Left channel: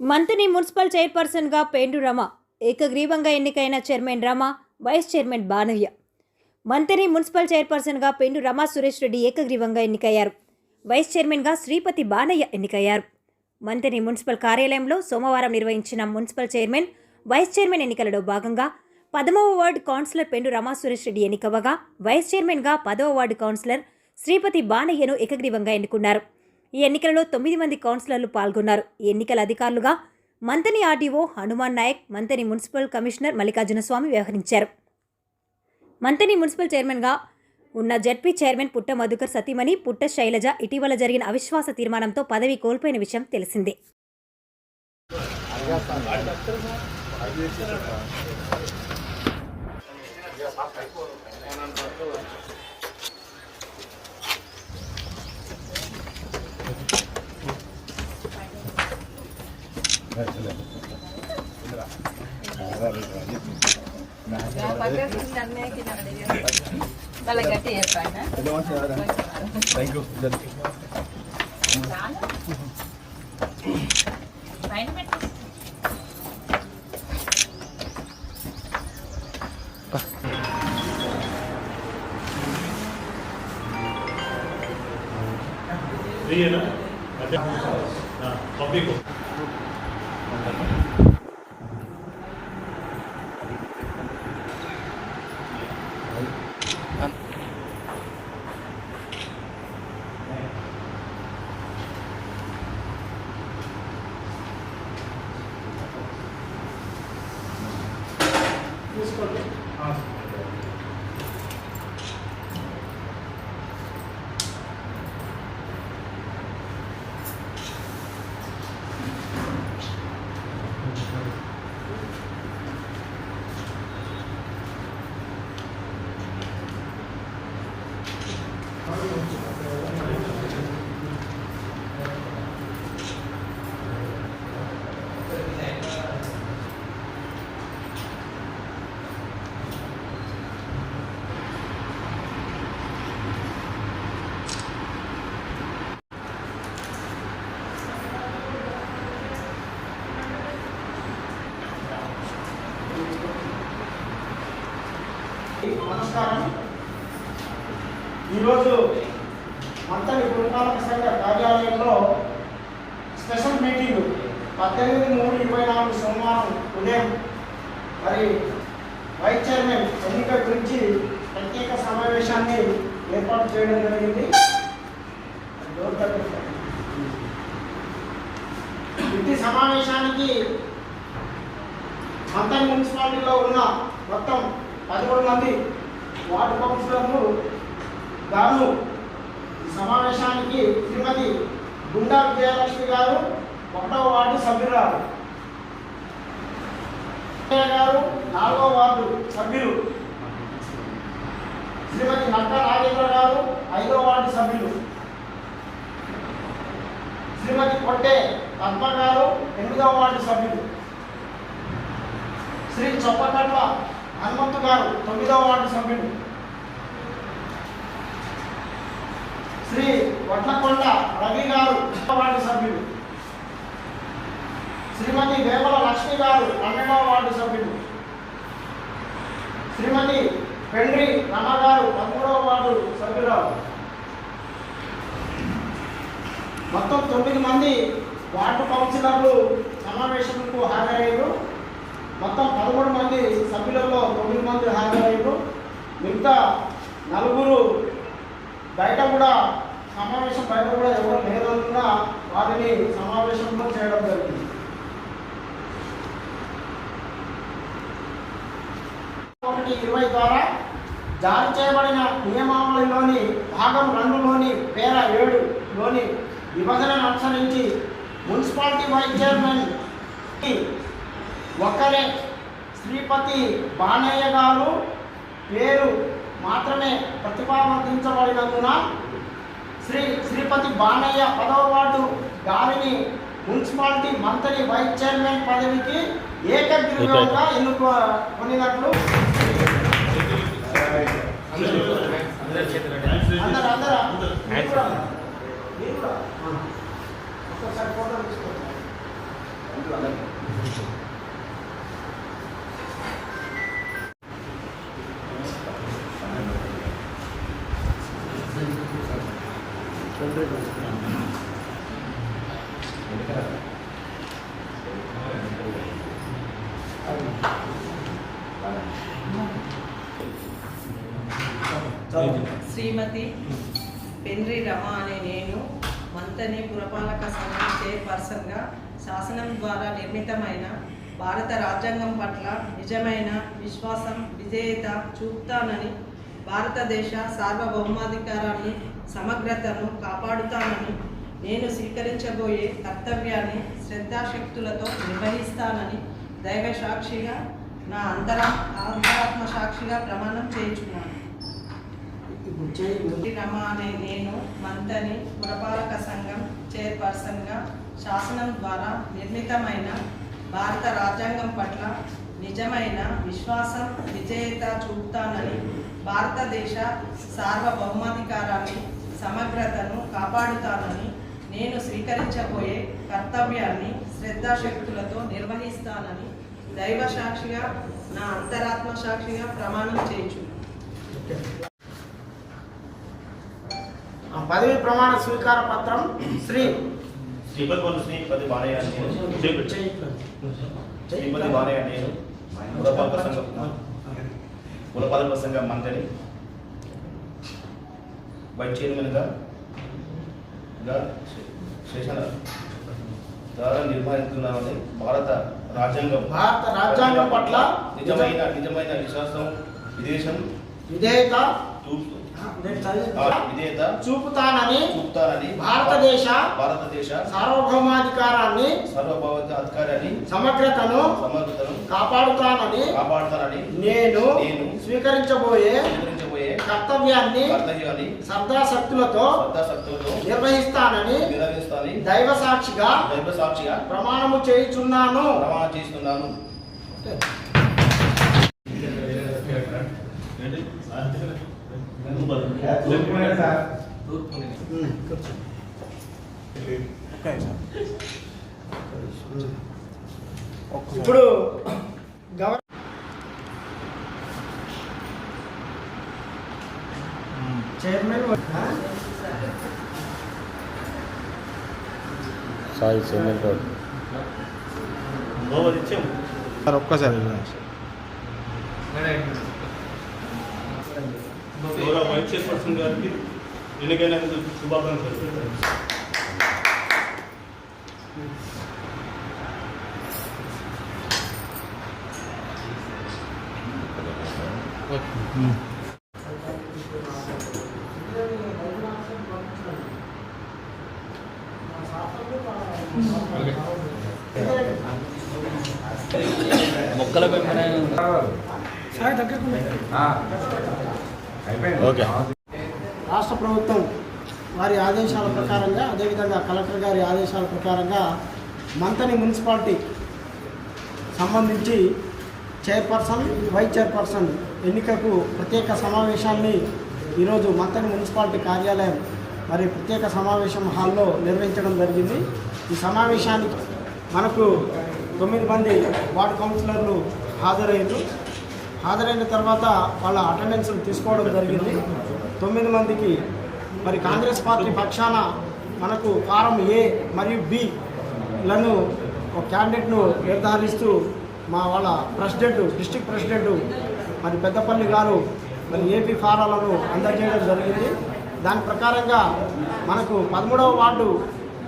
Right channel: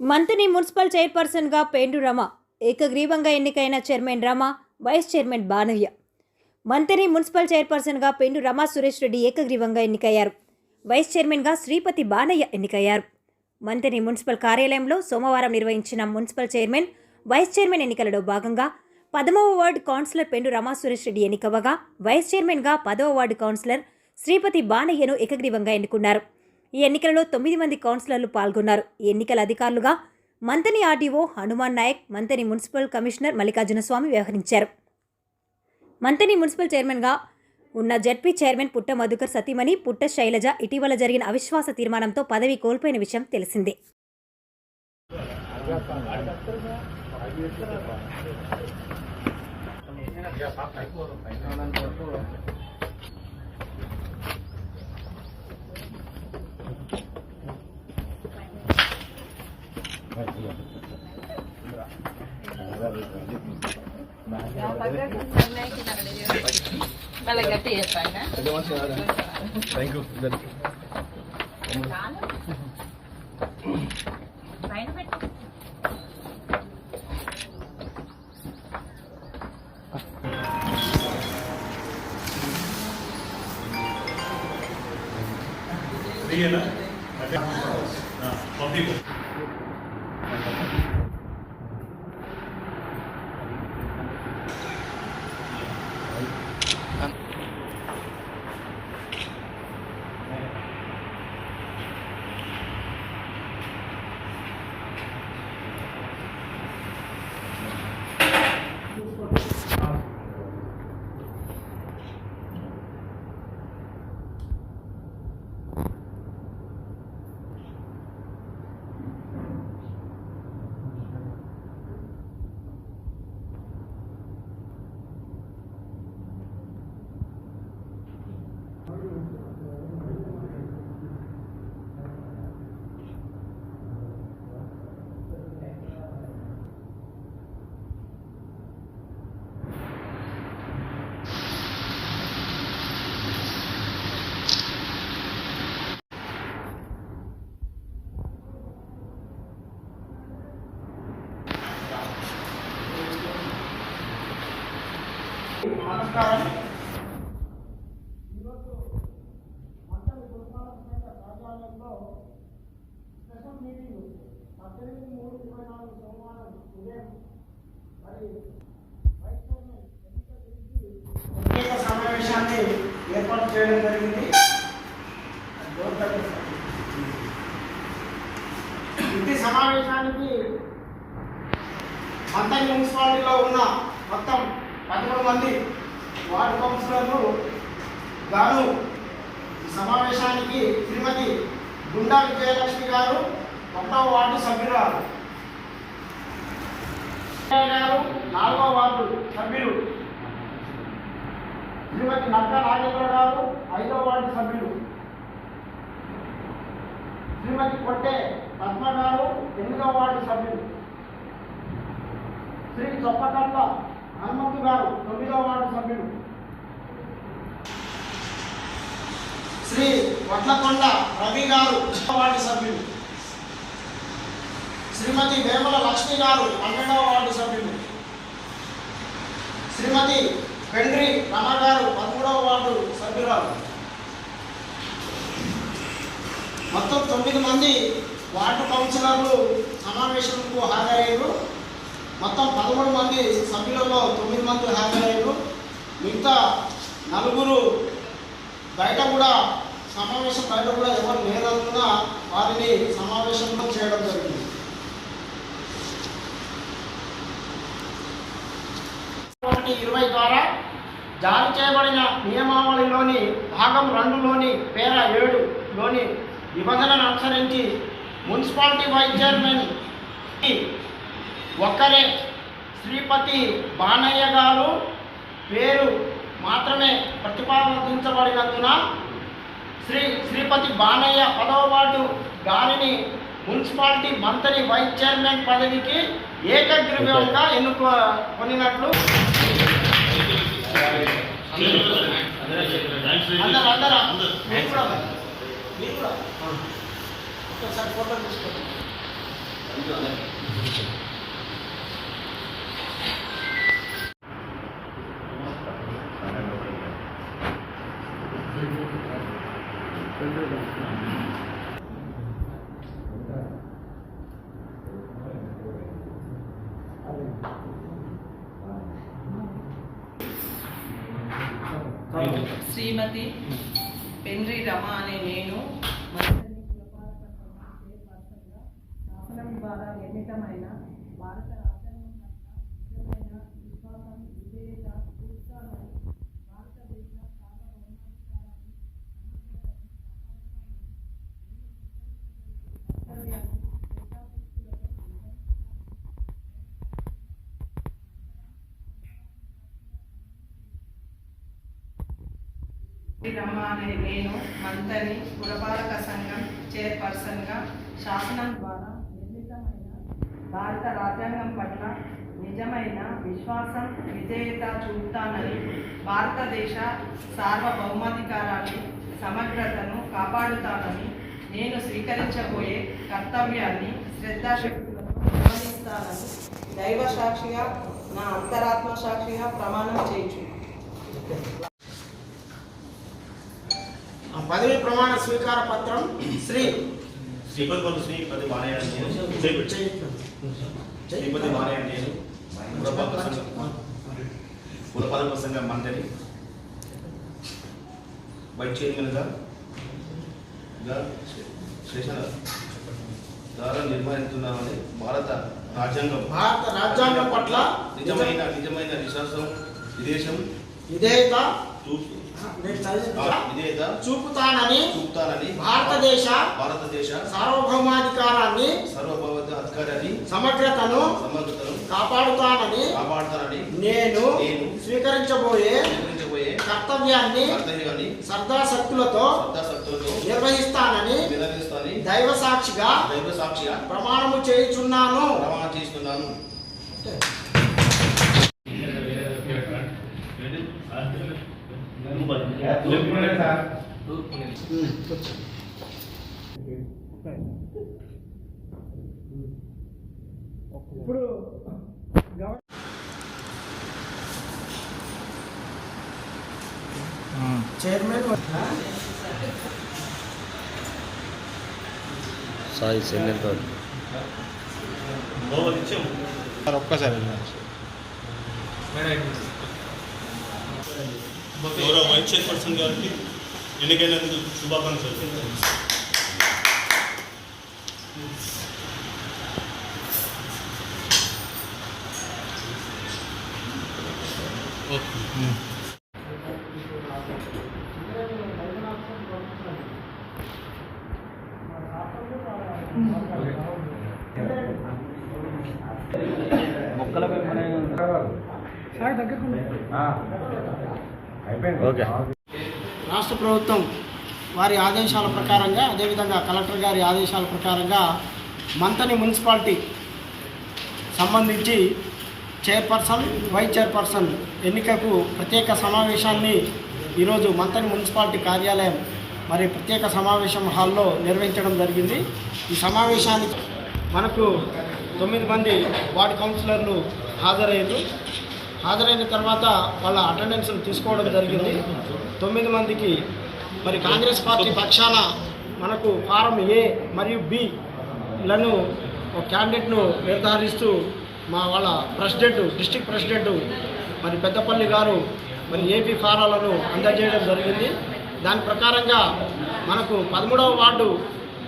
మంత్రి మున్సిపల్ చైర్పర్సన్గా పేండు రమ ఏకగ్రీవంగా ఎన్నికైన chairman Rama, vice chairman Banayya. మంత్రి మున్సిపల్ చైర్పర్సన్గా పేండు రమ సురేష్ రెడ్డి ఏకగ్రీవంగా ఎన్నికయ్యారు. వైస్ చైర్మన్గా శ్రీపతి బానయ్య ఎన్నికయ్యారు. మంత్రి మున్సిపల్ కార్యాలయంలో సోమవారం నిర్వహించిన మున్సిపల్ చైర్మన్, వైస్ చైర్మన్ ఎన్నికలలో భాగంగా 10వ వార్డు కౌన్సిలర్ పేండు రమ సురేష్ రెడ్డి ఎన్నికవగా, వైస్ చైర్మన్గా 10వ వార్డు కౌన్సిలర్ శ్రీపతి బానయ్యను ఏకగ్రీవంగా ఎన్నుకున్నారు. ఈ ఎన్నికలలో 9 మంది కౌన్సిలర్లు పాల్గొన్నారు. ఈ ఎన్నికల అధికారులుగా Manthani RDO Hanuman Nayak, Manthani municipal commissioner Mallikarjuna Swamy వ్యవహరించారు. మంతని మున్సిపల్ చైర్మన్గా ఉన్న జడ్పీ చైర్మన్ పుట్ట మధుకర్ సతీమణి పుట్ట శైలజ ఇటీవల జరిగిన అవిశ్వాస తీర్మానంతో పదవి కోల్పోయిన విషయం తెలిసిందే. నమస్కారం. ఈరోజు మంతని పురపాలక సంఘ కార్యాలయంలో స్పెషల్ మీటింగ్ 18/3/24 సోమవారం ఉదయం మరి వైస్ చైర్మన్ ఎన్నిక గురించి ప్రత్యేక సమావేశాన్ని ఏర్పాటు చేయడం జరిగింది. ఈ సమావేశానికి మంతని మున్సిపాలిటీలో ఉన్న మొత్తం 13 మంది వార్డు కౌన్సిలర్లు గాను ఈ సమావేశానికి శ్రీమతి గుండా విజయలక్ష్మి గారు 1వ వార్డు సభ్యురాలు, గారు 4వ వార్డు సభ్యులు, శ్రీమతి నక్క నాగేంద్ర గారు 5వ వార్డు సభ్యులు, శ్రీమతి కొట్టే పద్మ గారు 8వ వార్డు సభ్యులు, శ్రీ చొప్పకట్ల హనుమంతు గారు 9వ వార్డు సభ్యులు, శ్రీ వడ్లకొండ రవి గారు 10వ వార్డు సభ్యులు, శ్రీమతి వేమల లక్ష్మి గారు 12వ వార్డు సభ్యులు, శ్రీమతి పెండ్రి రమ గారు 13వ వార్డు సభ్యురాలు. మొత్తం 9 మంది వార్డు కౌన్సిలర్లు సమావేశంకు హాజరయ్యారు. మొత్తం 13 మంది సభ్యులలో 9 మంది హాజరయ్యారు. మిగతా 4 బయట కూడా సమావేశం బయట కూడా ఎవరు లేనందున వారిని సమావేశంలో చేయడం జరిగింది. 1/20 ద్వారా జారీ చేయబడిన నియమావళిలోని భాగం 2లోని పేర 7లోని విభజనను అనుసరించి మున్సిపాలిటీ వైస్ చైర్మన్ ఒక్కరే శ్రీపతి బానయ్య గారు పేరు మాత్రమే ప్రతిపాదించబడినందున శ్రీపతి బానయ్య 10వ వార్డు గారిని మున్సిపాలిటీ మంత్రి వైస్ చైర్మన్ పదవికి ఏకగ్రీవంగా ఎన్నుకొనినట్లు అందరూ శ్రీమతి పెండ్రి రమ అనే నేను మంతని పురపాలక సంఘం చైర్పర్సన్గా శాసనం ద్వారా నిర్మితమైన భారత రాజ్యాంగం పట్ల నిజమైన విశ్వాసం విధేయత చూపుతానని, భారతదేశ సార్వభౌమాధికారాన్ని సమగ్రతను కాపాడుతానని, నేను స్వీకరించబోయే కర్తవ్యాన్ని శ్రద్ధాశక్తులతో నిర్వహిస్తానని దైవ సాక్షిగా నా అంతరాత్మ సాక్షిగా ప్రమాణం చేయించుకున్నాను. రమ అనే నేను మంతని పురపాలక సంఘం చైర్పర్సన్గా శాసనం ద్వారా నిర్మితమైన భారత రాజ్యాంగం పట్ల నిజమైన విశ్వాసం విధేయత చూపుతానని, భారతదేశ సార్వభౌమాధికారాన్ని సమగ్రతను కాపాడుతానని, నేను స్వీకరించబోయే కర్తవ్యాన్ని శ్రద్ధాశక్తులతో నిర్వహిస్తానని దైవ సాక్షిగా నా అంతరాత్మ సాక్షిగా ప్రమాణం చేయించున్నాను. పదవి ప్రమాణ స్వీకార పత్రం శ్రీపతి బాలయ్య నేను పురపాలక సంఘం మంత్రి వైస్ చైర్మన్గా ద్వారా నిర్వహిస్తున్నామని భారత రాజ్యాంగం పట్ల నిజమైన విశ్వాసం విధేయత చూపుతానని భారతదేశ సార్వభౌమాధికారాన్ని సమగ్రతను కాపాడుతానని నేను స్వీకరించబోయే కర్తవ్యాన్ని శ్రద్ధాశక్తులతో నిర్వహిస్తానని దైవ సాక్షిగా ప్రమాణము చేయుచున్నాను. ఇప్పుడు చైర్మన్ సాయి సెంటర్ ఒక్కసారి గౌరవ వైస్ చైర్పర్సన్ గారికి ఎన్నికైనందుకు శుభాకాంక్షలు. ఓకే. రాష్ట్ర ప్రభుత్వం వారి ఆదేశాల ప్రకారంగా, అదేవిధంగా కలెక్టర్ గారి ఆదేశాల ప్రకారంగా మంతని మున్సిపాలిటీ సంబంధించి చైర్పర్సన్, వైస్ చైర్పర్సన్ ఎన్నికకు ప్రత్యేక సమావేశాన్ని ఈరోజు మంతని మున్సిపాలిటీ కార్యాలయం మరి ప్రత్యేక సమావేశం హాల్లో నిర్వహించడం జరిగింది. ఈ సమావేశానికి మనకు 9 మంది వార్డు కౌన్సిలర్లు హాజరైన తర్వాత వాళ్ళ అటెండెన్స్ తీసుకోవడం జరిగింది. 9 మందికి మరి కాంగ్రెస్ పార్టీ పక్షాన మనకు ఫారం ఏ మరియు బిలను ఒక క్యాండిడేట్ను నిర్ధారిస్తూ వాళ్ళ డిస్ట్రిక్ట్ ప్రెసిడెంట్ మరి పెద్దపల్లి గారు మరి ఏపీ ఫారాలను అందజేయడం జరిగింది. దాని ప్రకారంగా మనకు 13వ వార్డు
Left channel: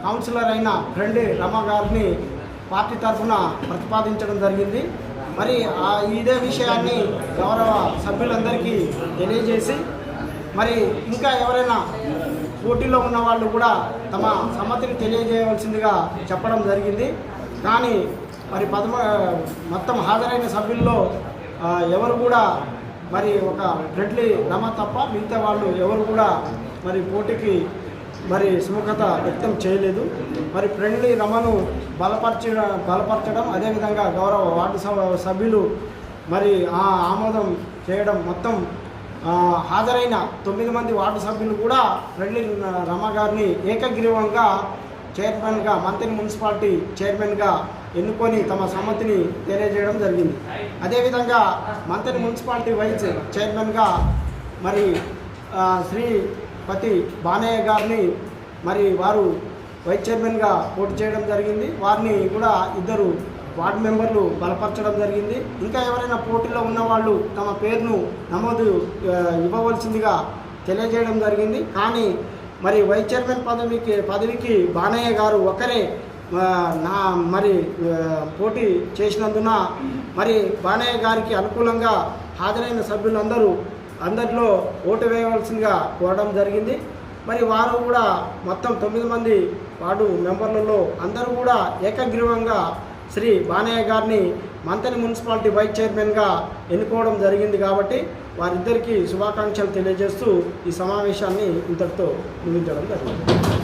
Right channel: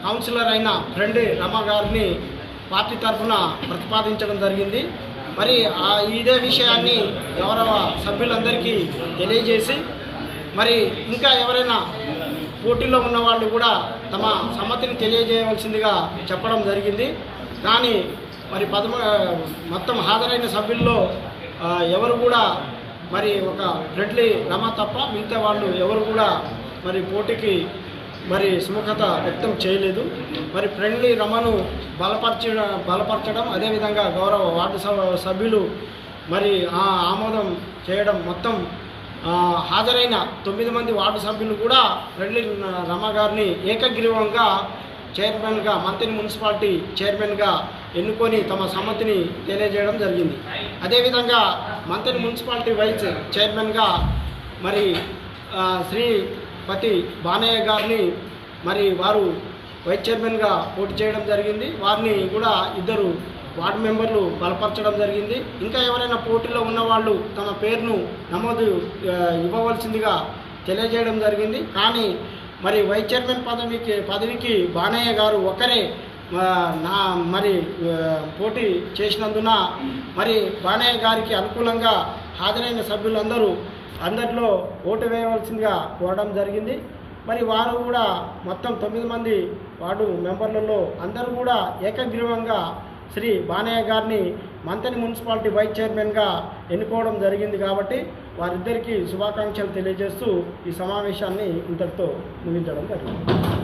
కౌన్సిలర్ అయిన పెండ్రి రమ గారిని పార్టీ తరఫున ప్రతిపాదించడం జరిగింది. మరి ఇదే విషయాన్ని గౌరవ సభ్యులందరికీ తెలియజేసి మరి ఇంకా ఎవరైనా పోటీలో ఉన్న వాళ్ళు కూడా తమ సమ్మతిని తెలియజేయవలసిందిగా చెప్పడం జరిగింది. కానీ మరి మొత్తం హాజరైన సభ్యుల్లో ఎవరు కూడా మరి ఒక ఫ్రెండ్లీ రమ తప్ప మిగతా వాళ్ళు ఎవరు కూడా మరి పోటీకి మరి సుముఖత వ్యక్తం చేయలేదు. మరి ఫ్రెండ్లీ రమను బలపరచడం అదేవిధంగా గౌరవ వార్డు సభ్యులు మరి ఆమోదం చేయడం, మొత్తం హాజరైన 9 మంది వార్డు సభ్యులు కూడా ఫ్రెండ్లీ రమ గారిని ఏకగ్రీవంగా చైర్మన్గా, మంతని మున్సిపాలిటీ చైర్మన్గా ఎన్నుకొని తమ సమ్మతిని తెలియజేయడం జరిగింది. అదేవిధంగా మంతని మున్సిపాలిటీ వైస్ చైర్మన్గా మరి శ్రీపతి బానయ్య గారిని మరి వారు వైస్ చైర్మన్గా పోటీ చేయడం జరిగింది. వారిని కూడా 2 వార్డు మెంబర్లు బలపరచడం జరిగింది. ఇంకా ఎవరైనా పోటీలో ఉన్నవాళ్ళు తమ పేరును నమోదు ఇవ్వవలసిందిగా తెలియజేయడం జరిగింది. కానీ మరి వైస్ చైర్మన్ పదవికి బానయ్య గారు ఒకరే పోటీ చేసినందున మరి బానయ్య గారికి అనుకూలంగా హాజరైన అందరిలో ఓటు వేయవలసిందిగా కోరడం జరిగింది. మరి వారు కూడా మొత్తం 9 మంది వార్డు మెంబర్లలో అందరూ కూడా ఏకగ్రీవంగా శ్రీ బానయ్య గారిని మంతని మున్సిపాలిటీ వైస్ చైర్మన్గా ఎన్నుకోవడం జరిగింది. కాబట్టి వారిద్దరికీ శుభాకాంక్షలు తెలియజేస్తూ ఈ సమావేశాన్ని ఇంతటితో ముగించడం జరిగింది.